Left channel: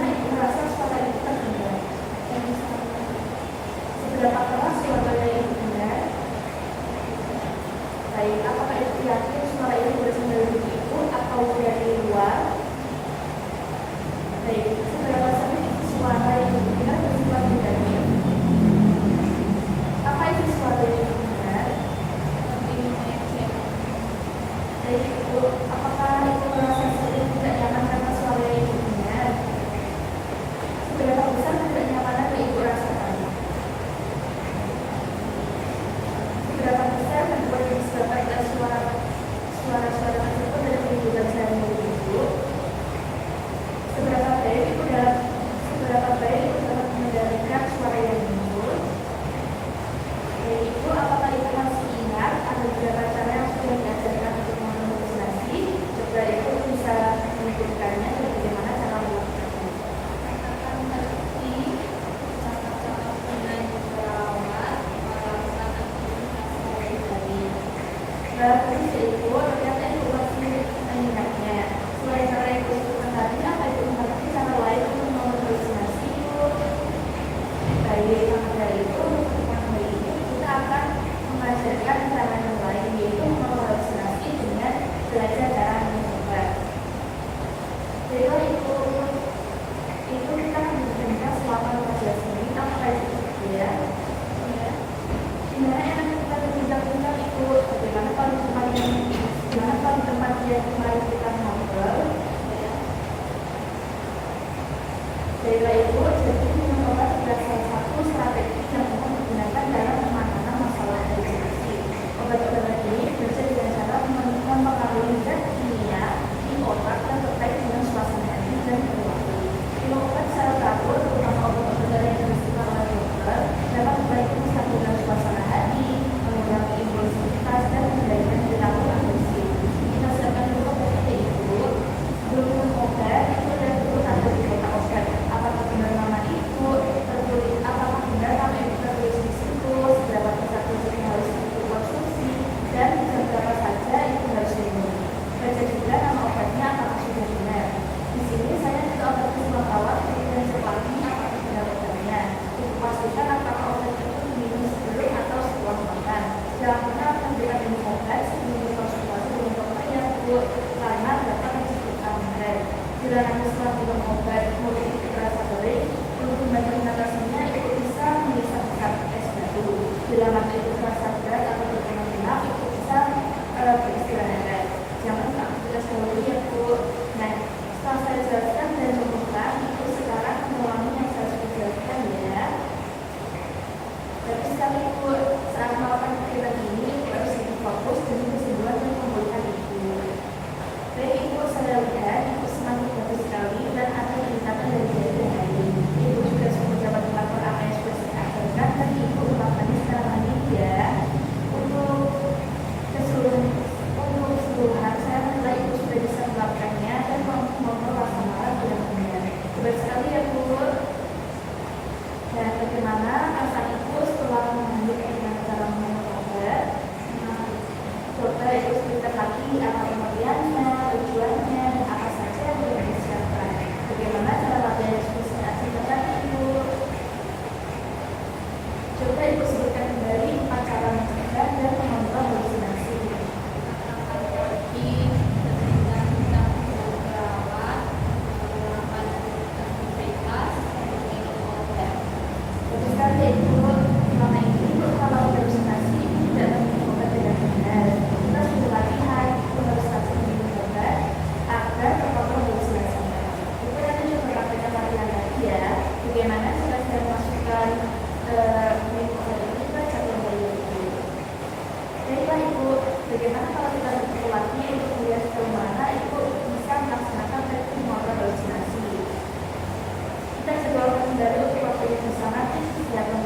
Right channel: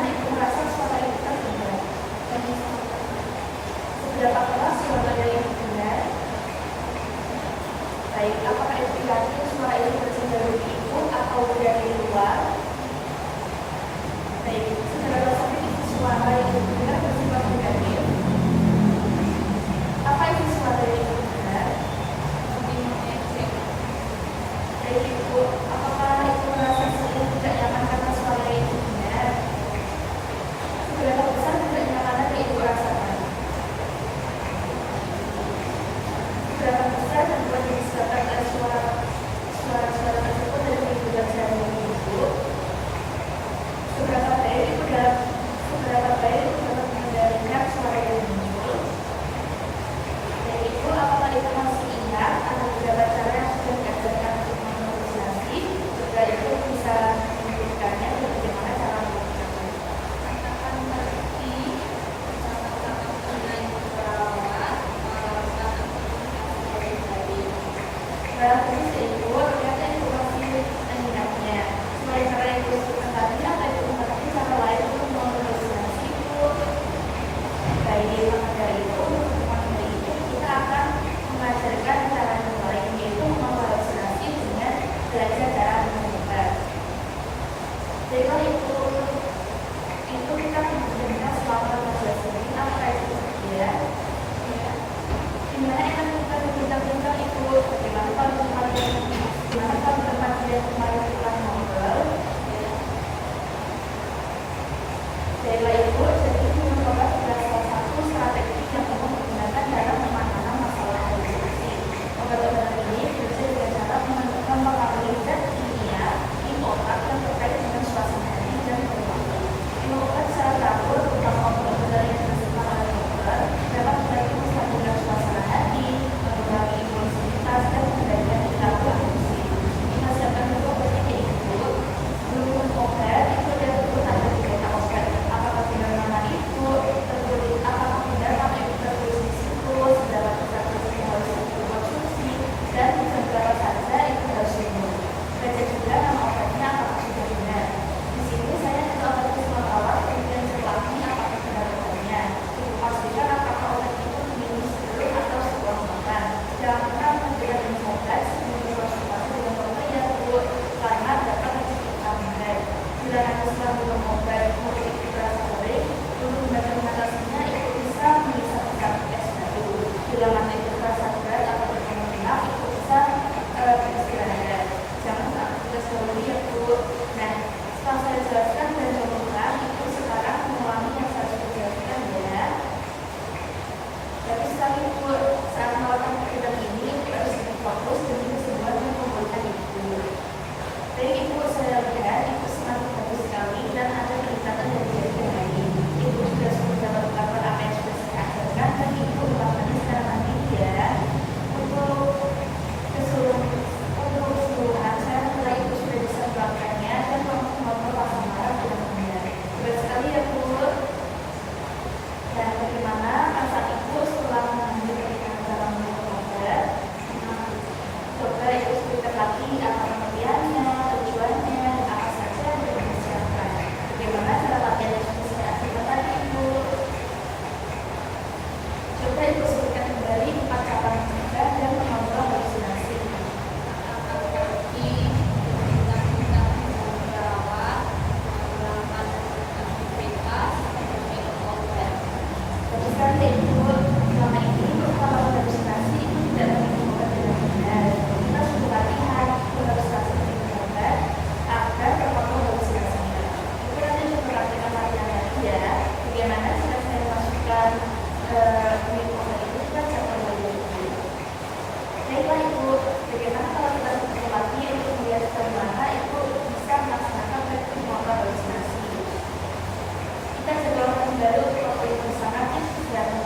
mana ibu merasa suara ibu kan benar? Seberapa keras suaranya yang benar? Baik, apakah ibu yakin suara itu berasal dari ibu atau dari luar? Baik, seberapa sering suara itu benar atau suara negatif? Apa itu suara yang benar? Jadi ibu, apakah ibu merasa sering tidak nyaman karena suara itu benar? Seberapa besar tidak nyaman yang ibu rasakan? Seberapa besar membuat disebabkan suara-suara tersebut dari lingkungan sehari-hari ibu? Seberapa baik ibu dapat mendengarkan suara yang muncul? Dan ibu apakah ibu masih ingat ada beberapa cara yang sudah diajarkan untuk memobilisasi jika ibu bisa menunjukkannya dan bagaimana cara melakukannya? Berarti ibu apakah ibu masih mengingatnya? Selain ibu tadi apa ibu mengerti cara lain untuk memobilisasi ibu? Baik, maka dari itu kita akan mengajarkan cara yang lain, yaitu memobilisasi dengan belajar cara mencoba. Jadi itu kita menggunakan selama 14 menit apa itu dia? Gimana kan kita berbincang-bincang itu bagaimana kalau tempat dia kemarin kita ngobrol. Dari itu jadi ini merupakan salah satu strategi yang menggunakan dalam penanganan masalah halusinasi. Obat-obatan ini berhasil dengan cara mempengaruhi zat kimia di otak yang terkait dengan suasana hati dan perilaku. Obat secara teratur berupa obat-obatan yang bersifat radikal dapat membantu dengan suasana hati, mengurangi impulsivitas dan mengendalikan perilaku agresif. Berdasarkan obat ini itu belum minum obat itu tidak ada di kota obat. Apakah benar nama itu terbukti? Apakah benar nama itu terbukti di situ? Seberapa besar dosis yang harus dikonsumsi dan seberapa saja itu harus diminum? Baca juga nama obatnya apakah sudah benar. Di sini saya telah membawa dan tetapi apakah benar-benarnya dipastikan apakah obat itu diminum sebelum atau setelah makan. Jangan pernah memberikan minum obat sebelum konsultasi dengan dokter yang tersebut karena dapat menyebabkan benar. Sedangkan setelah minum obat kemudian itu terasa baik, untuk badan mengatasinya itu bisa menyelesaikan es batu. Bila mata itu terasa berat atau berkemungkinan itu bisa beristirahat. Jangan lupa aktivitas dahulu yang cukup. Nah, setelah saya jelaskan dan mengulang, itu sekarang mengulangi yang saya sudah jelaskan ya. Tapi sekali itu saat melakukan aktivitas ini itu harus lebih fokus dan semua yang memberikan itu. Dari ibu saya lihat itu semakin bagus sekali dan ada peningkatan dari hari ke hari. Ibu juga sudah dapat melakukan apa yang sudah saya ajarkan dan ibu melakukannya secara mandiri untuk keseluruhan saya mulai ibu sudah bisa melakukannya dan mengontrol bagaimana benar-benar. Berat sekali ya Bu. Dan bagaimana masa ibu setelah mengambil kehidupan dalam mengobrol? Coba itu cerita lagi apa pengertiannya, tujuannya, apa saja yang dipersilakan. Bagaimana cara latihan yang sudah saya tadi ibu? Coba ibu sebutkan kembali 4 cara mencegah dan mengontrol halusinasi. Bagaimana saya masukkan jadi ibu, bagaimana kalau kita berlatih untuk melihat kemana itu bisa melaksanakan motor halusinasi. Kita juga akan baru waktu yang sangat yang